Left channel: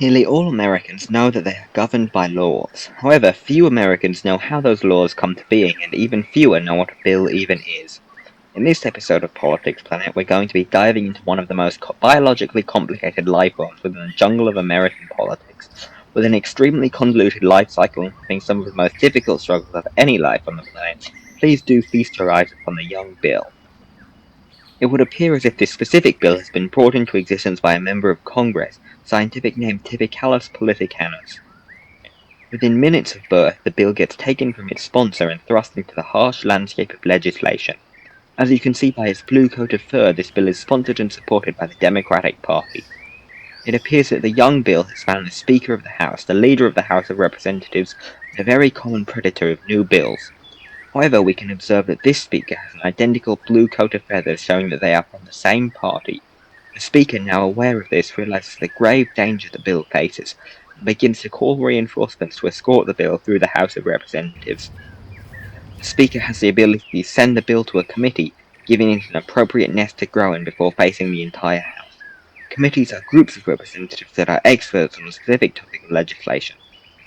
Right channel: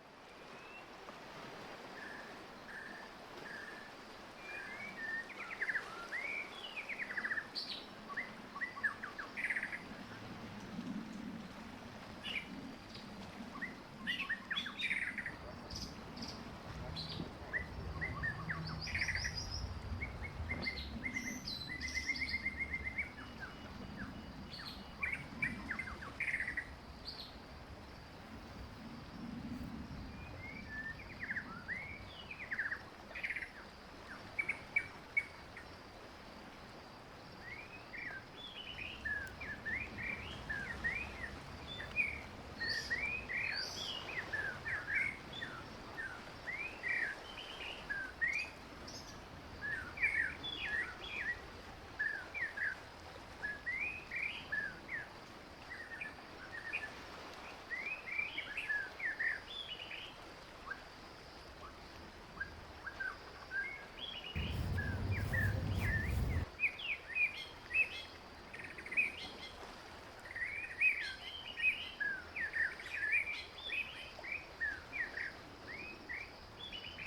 Nearly all Americans know that they are governed by laws. However, few Americans know how those laws come to being, and even fewer know what a bill even is. In this episode of Politics Planet, we're going to be diving into one of the most biologically complicated life forms within the jungle of American politics, with an extremely convoluted life cycle involving some of the most difficult struggles of any life on the planet. Please do feast your eyes upon the young Bill. It would appear as if this specific bill has been brought into existence by a member of Congress, scientific name Typicalus politicanus. Within minutes of birth, the bill gets taken from its sponsor and thrust into the harsh landscape of legislation. As you can see by its blue coat of fur, this bill is sponsored and supported by the Democratic Party. It appears that the young bill has found the Speaker of the House, the leader of the House of Representatives, and a very common predator of new bills. However, we can observe that this speaker has an identical blue coat of feathers showing that they are from the same party. The speaker, now aware of this, realizes the grave danger the bill faces, and begins to call reinforcements to escort the bill through the House of Representatives. The speaker has the ability to send the bill to a committee, giving it an appropriate nest to grow in before facing the entire House. Committees are groups of representatives that are experts on a specific topic of legislation.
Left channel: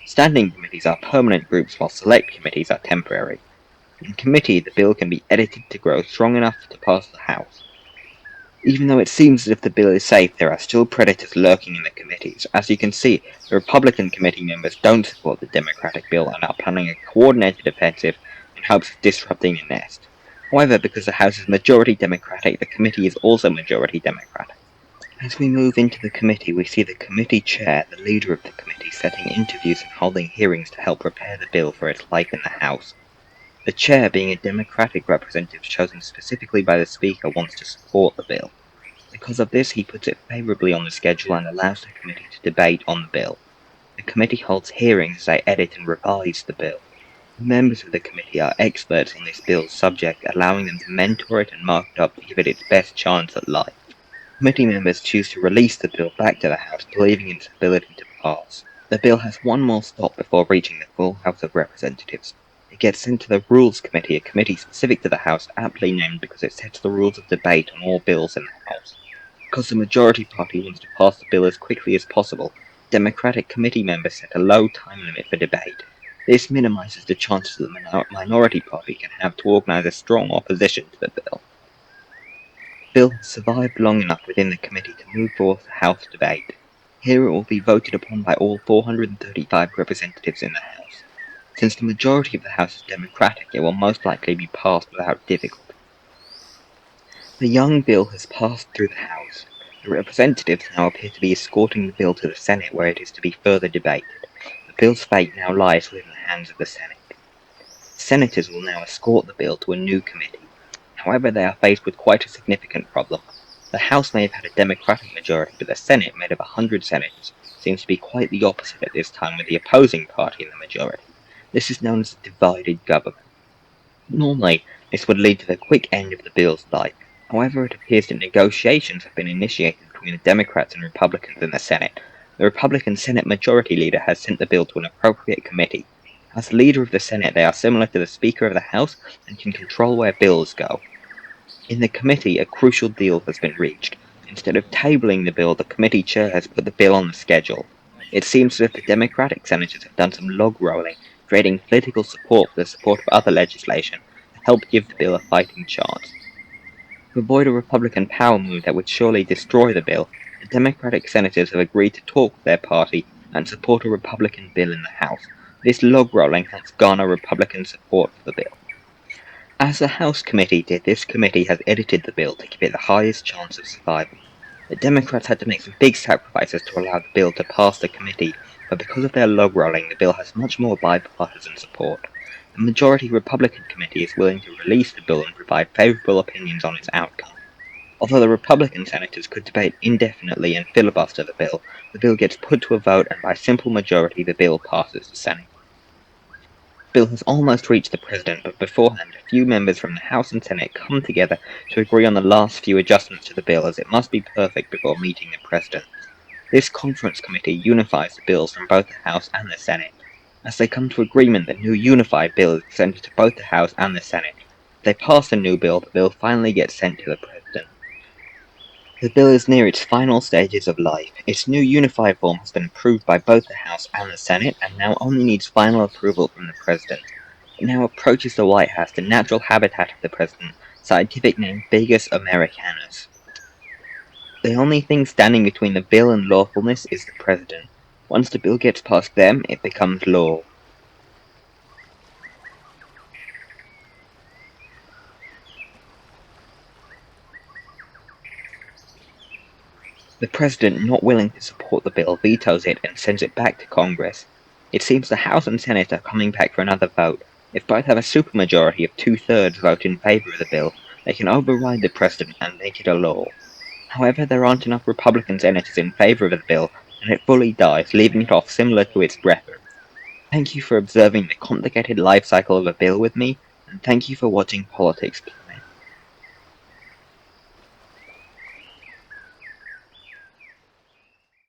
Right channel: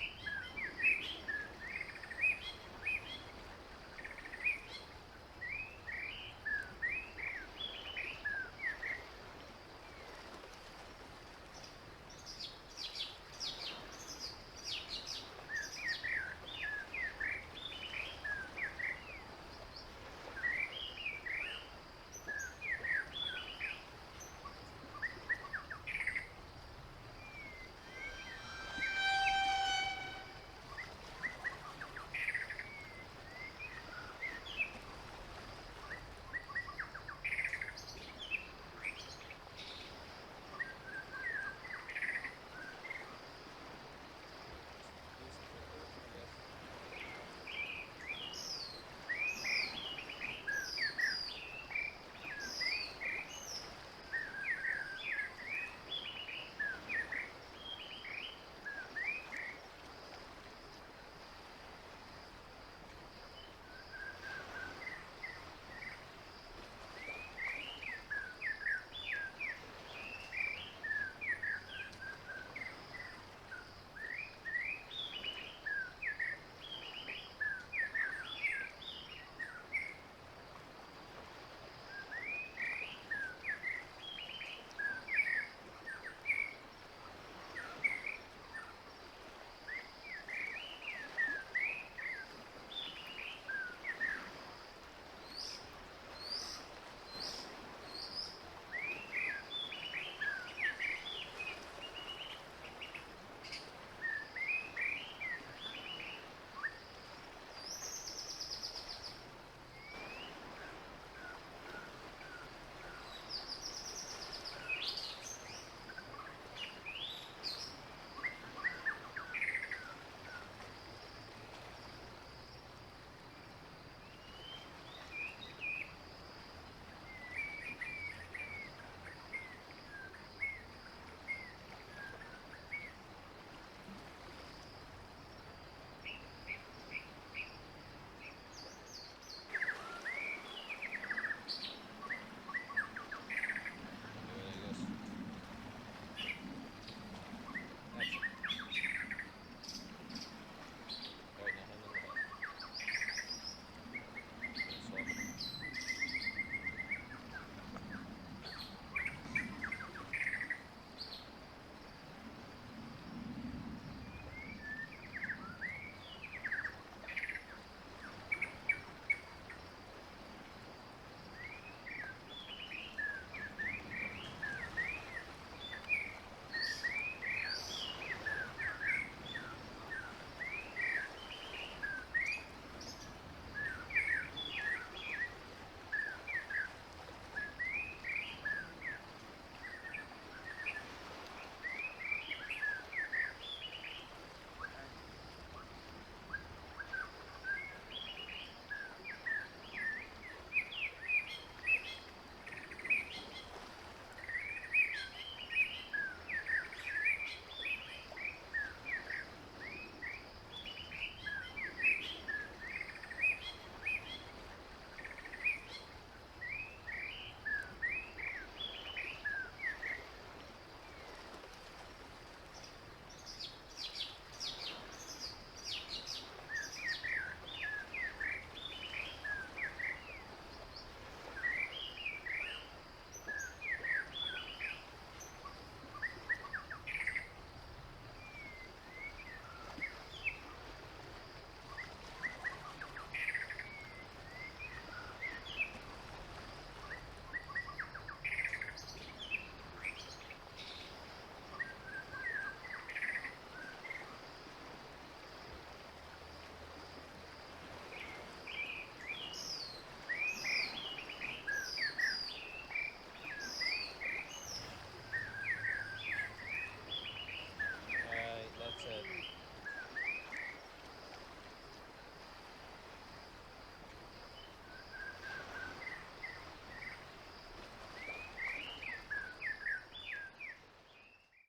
Standing committees are permanent groups, while select committees are temporary. In committee, the bill can be edited to grow strong enough to pass the House. Even though it seems as if the bill is safe, there are still predators lurking in the committees. As you can see, the Republican committee members don't support the Democratic bill and are planning a coordinated offensive in hopes of disrupting the nest. However, because the House is majority Democratic, the committee is also majority Democratic. As we move into the committee, we see the committee chair, the leader of the committee, setting interviews and holding hearings to help prepare the bill for its life in the House. The chair, being a Democratic representative chosen specifically by the Speaker, wants to support the bill. Because of this, he puts it favorably on the schedule and allows the committee to debate on the bill. The committee holds hearings as they edit and revise the bill. The members of the committee are experts on this bill's subject, allowing them to mentor it and mark it up to give it its best chance at life. Committee members choose to release the bill back to the House, believing in its ability to pass. The bill has one more stop before reaching the full House of Representatives. It gets sent to the Rules Committee, a committee specific to the House, aptly named because it sets the rules of debate on all bills in the House. Because the majority party wants to pass the bill as quickly as possible, Democratic committee members set a low time limit for debate. This minimizes the chances that the minority party can have to organize a strong opposition to the bill. The bill has survived long enough within the committee to move forward to House debate. Here it will be voted upon by all 435 representatives in the House. Since the majority of the House is Democratic, it will most likely be passed without difficulty. The young bill has passed through the House. The representatives now appear to be escorting the bill to the Senate, where it is to be further debated. The bill's fate now lies within the hands of the Senate. The senators will now escort the bill to a new committee. However, they are faced with quite a significant problem. The House may have had a Democratic majority, but the Senate, made of 100 senators, seems to be quite the opposite at this time, with the opposing party in the majority. This is known as a divided government. Normally, this would lead to the quick end of the bill's life. However, it appears that negotiations have been initiated between the Democrats and Republicans in the Senate. The Republican Senate Majority Leader has sent the bill to an appropriate committee. As leader of the Senate, they are similar to the Speaker of the House and can control where bills go. In the committee, a crucial deal has been reached. Instead of tabling the bill, the committee chair has put the bill on the schedule. It seems as if the Democratic senators have done some log rolling, creating political support for the support of other legislation to help give the bill a fighting chance. To avoid a Republican power move that would surely destroy the bill, the Democratic senators have agreed to talk with their party and support a Republican bill in the House. This log rolling helps garner Republican support for the bill. As the House committee did, this committee has edited the bill to give it the highest chance of survival. The Democrats had to make some big sacrifices to allow the bill to pass the committee, but because of their log rolling, the bill has much more bipartisan support. The majority Republican committee is willing to release the bill and provide favorable opinions on its outcome. Although the Republican senators could debate indefinitely and filibuster the bill gets put to a vote, and by simple majority the bill passes the Senate. The bill has almost reached the President, but beforehand a few members from the House and Senate come together to agree on the last few adjustments to the bill, as it must be perfect before meeting the President. This conference committee unifies the bills from both the House and the Senate. As they come to agreement, the new unified bill is presented to both the House and the Senate. If they pass the new bill, the bill finally gets sent to the President. The bill is near its final stages of life. Its new unified form has been approved by both the House and the Senate, and now only needs final approval from the President. It now approaches the White House, the natural habitat of the President, scientific name Vagus americanus. The only thing standing between the bill and lawfulness is the President. Once the bill gets past them, it becomes law. The President, not willing to support the bill, vetoes it and sends it back to Congress. It seems the House and Senate are coming back for another vote. If both have a supermajority of 2/3 vote in favor of the bill, they can override the President and make it a law. However, there aren't enough Republican senators in favor of the bill, and it fully dies, leaving it off similar to its brother. Thank you for observing the complicated life cycle of a bill with me, and thank you for watching Politics.